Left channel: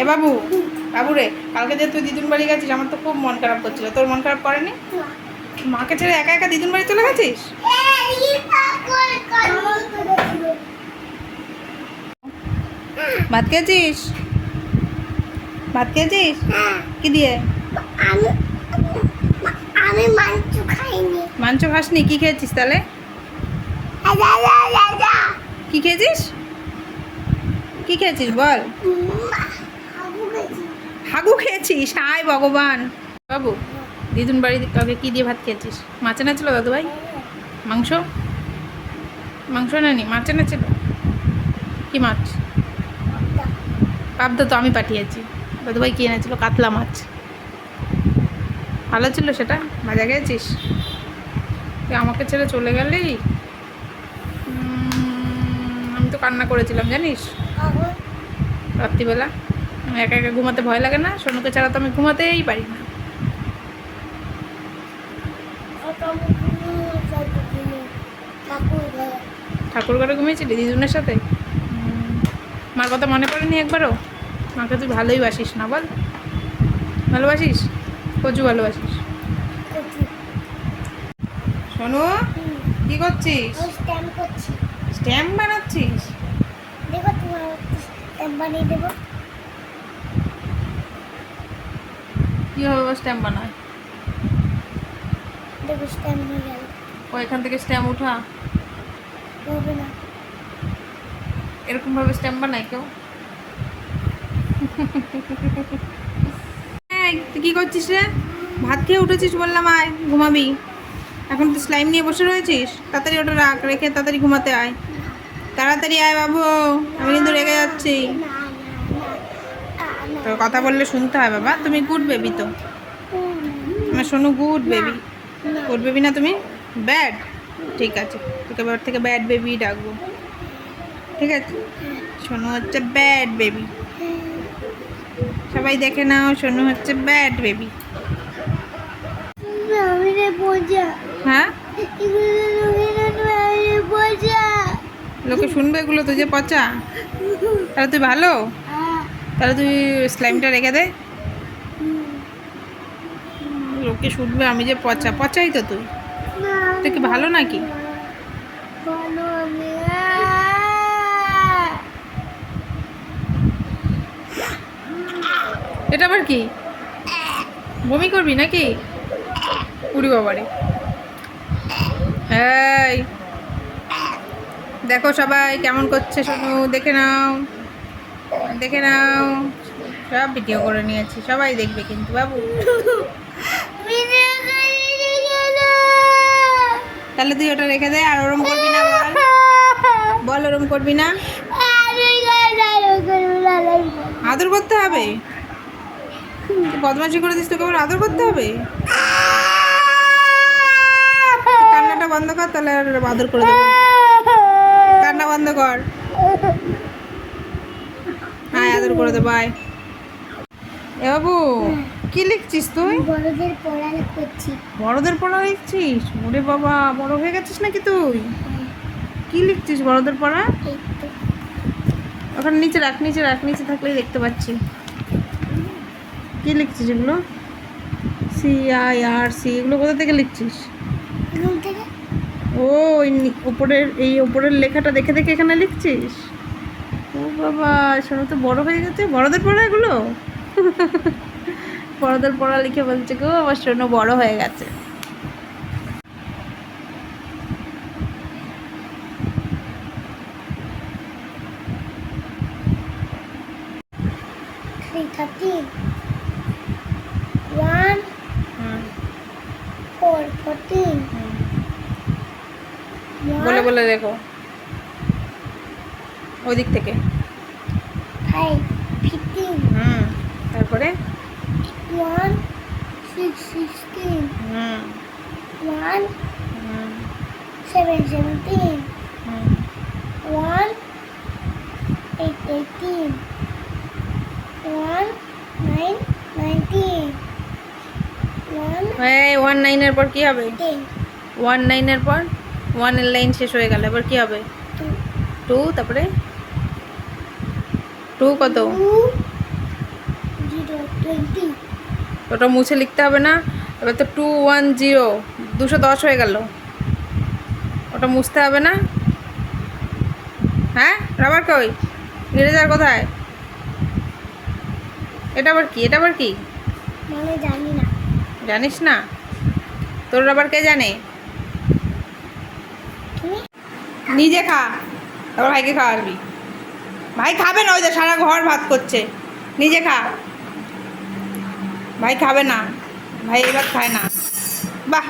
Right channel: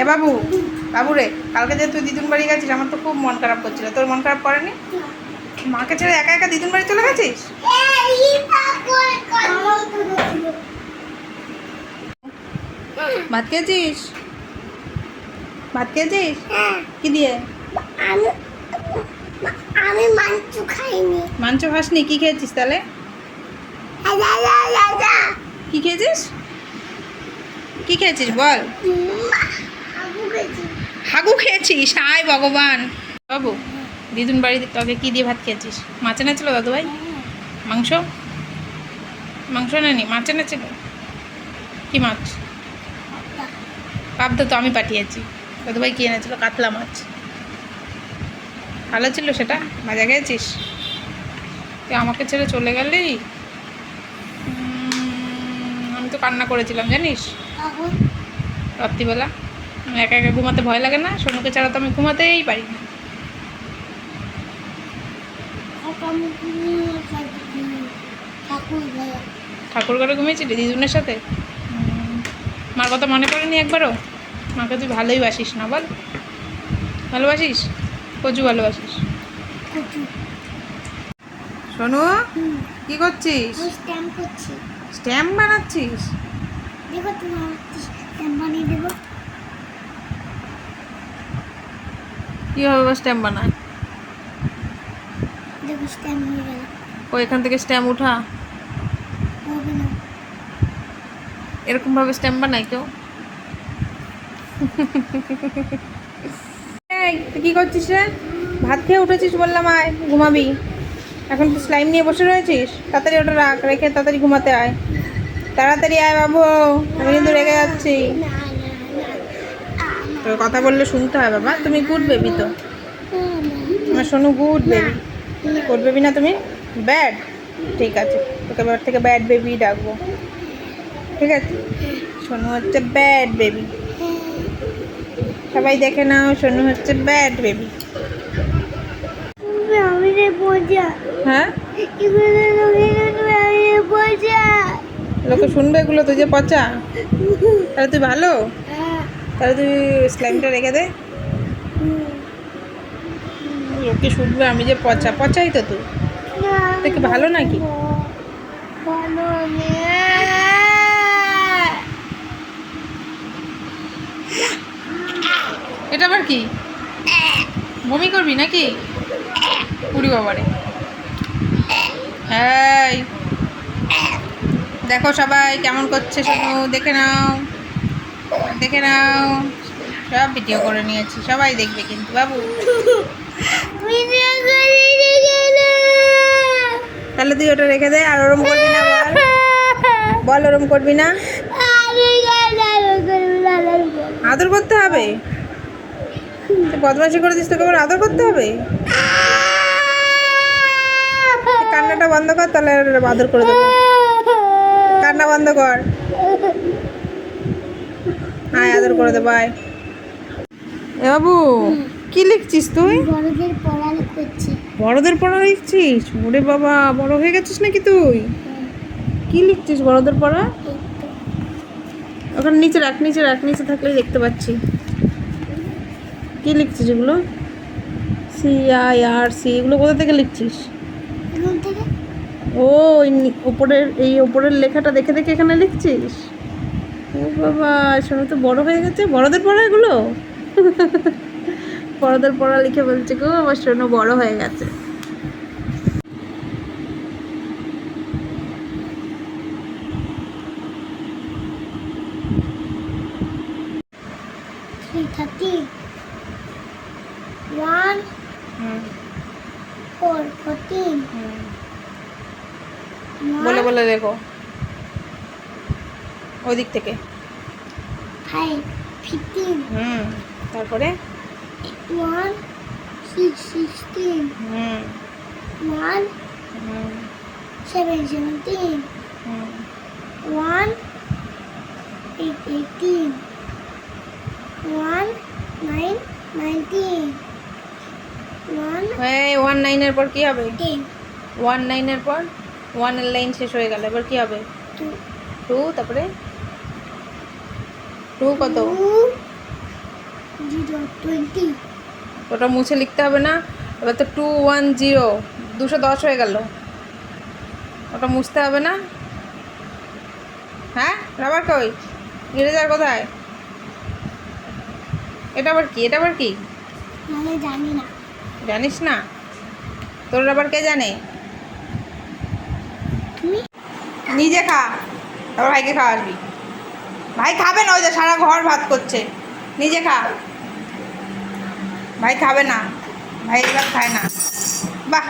এ বাবু, বাবু রে, কালকে যে তুই দিদুন বাড়ি গেছিস আমার তো খুব মন খারাপ করছিল। তোর মন খারাপ করেনি? মাকে ছেড়ে একা একা দিদুন বাড়ি চলে গেছিস? ভাত খেয়েছিস? ভাত খেয়েছিস কি দিয়ে? আমি মাংস খাইনি। মাংস খাসনি? কি খেয়েছিস তাহলে? কি খেয়েছিস? কি খেয়েছিস বল? হাগু খেয়েছিস? হায় ভগবান। বাবু, দিদুন বাড়িতে তোকে কি দিয়ে ভাত খেয়েছিস? মাছ এনেছিল দাদু ভাই? মাংস? মাংস নেনি, মাছ এনেছিল? কি মাছ? পাবদা তো আমি পাঠিয়েছি। দাদু ভাই কি এনেছিল? কাতলা মাছ। ভালো ছিল সেটা? মজা খেয়েছিস? তুই আমাকে ছেড়ে চলে গেলি। আমি তো কান্না করেছিলাম জানিস রাত্রিবেলা। আমি একা একা ঘুমাতে ভয় লাগে না? সোনুকে ছাড়া তো আমি ঘুমাতেই পারি না। ঠাকুর ঘরে ঘুমিয়েছিলি দিদুনের সাথে? মার কথা মনে করেনি একবারও? মাকে তুই ভালোই বাসিস না বল? ভালোবাসিস? প্রচুর ভালোবাসিস। সোনু, কি করছিস? স্ট্যাম্প বানাচ্ছিস? দেখো তোমার স্ট্যাম্প বানিয়ে দেবো। কীভাবে স্ট্যাম্প বানায়? দেখো স্ট্যাম্প হয়ে গেল। ও এখান থেকে স্ট্যাম্প উঠা? হবে না। এরকমভাবে স্ট্যাম্প বানায় কেউ? এই, তুই কী করছিস রে? ভাত খেয়ে উঠেছিস বললাম, আয় ঘুমাবি। এখন তুই স্লাইম নিয়ে বসে রয়েছিস? তাড়াতাড়ি ওটা রাখ, রেখে তাড়াতাড়ি ঘুমাতে আয়। তাড়াতাড়ি আয় বাবু, আমি কিন্তু রেগে যাচ্ছি। তোর কথা বললে শুনতে হয় বাবা। তুমি গুড বেবি তো, আমার Sonu good baby. Good baby না তুমি? ব্যাড? ঠিক আছে, তোকে এবার থেকে ব্যাড বেবি ডাকবো, ঠিক আছে? সোনু হচ্ছে ব্যাড বেবি। সবাই দেখে নাও, সোনু হচ্ছে ব্যাড বেবি। হ্যাঁ, লোকে শুনবে এগুলো তো যে পচা? তাহলে তুই ভালো? তাহলে তুই স্লাইমটা রেখে দে। লোকে শুনবে আমি যে পচা। পচাই তো তুই। তুই কি ভালো নাকি? ভালো আমি। এটা আবার কি? বমি করবি নাকি? উড়ি বাবারে। এই দেখো সবাই কেমন করছে সোনু, দেখে নাও, দেখে নাও। সব ভিডিও করে নিয়েছি, সবাই দেখবে কিন্তু বাবু। তাহলে তুই ওটা রেখে দে, আর ওরম করবি না বল। বল ওরম করবি না। আদর করতে হবে? তুই বদমাশি করে দিস, তোকে আবার আদর করতে হবে? কান্নাটা বন্ধ কর, তাহলে আদর করে দেবো। কান্না বন্ধ কর, আয় আদর করে দেবো আয়। এ বাবু, কি লিখছিস তুই? বড়দের পড়া করছি। বড়দের পড়া লিখছিস? ওরে বাবা, বড় হয়ে গেছিস নাকি তুই? কি লিখছিস বড়দের পড়া? ওখানে নিচে রাখ, নিচে রাখ, নিচে থাকলেই দেখতে পাচ্ছি। কি লিখছিস এগুলো? CIRC, এগুলো কোথা থেকে লিখছিস? ও উপরের, এই উপরের লেখাটা দেখে দেখে এখানে লিখছিস? ও বাবা, শোনো তো বড় হয়ে গেছে। বড়দের পড়া এগুলো? বড়দের পড়া লিখে বলছে গো আমার শোনো বড় হয়ে গেছে। বলে বলে দেখো ওই দিক থেকে। তারপরে 1 6 16 1 7 17 1 8 18 1 9 19 1 19 এর পর কি হবে? 10 19 এর পর 1 এর লাইন শেষ হয়ে গেল, এবার কি হবে? 2, তারপরে 2 কত? 2 0 20 ওটা মুছে লিখতে হবে না। এবার তো 210 210 হয়ে গেল, ওটা মুছতে হবে না। হ্যাঁ রাবার কই, ইরেজার কোথায়? এটা আবার কি, এটা আবার কি? মানে জানি না। জানিস না? তোর রাবার কে জানে? তুমি নিজে খা, তারপর ভাইকে খাওয়াবি। ভাই খাবে না, ওই যে সারা ঘর ভাত করছে। নিজে খা। ভাই খাবে না, ভাই এবার খায় না। বাহ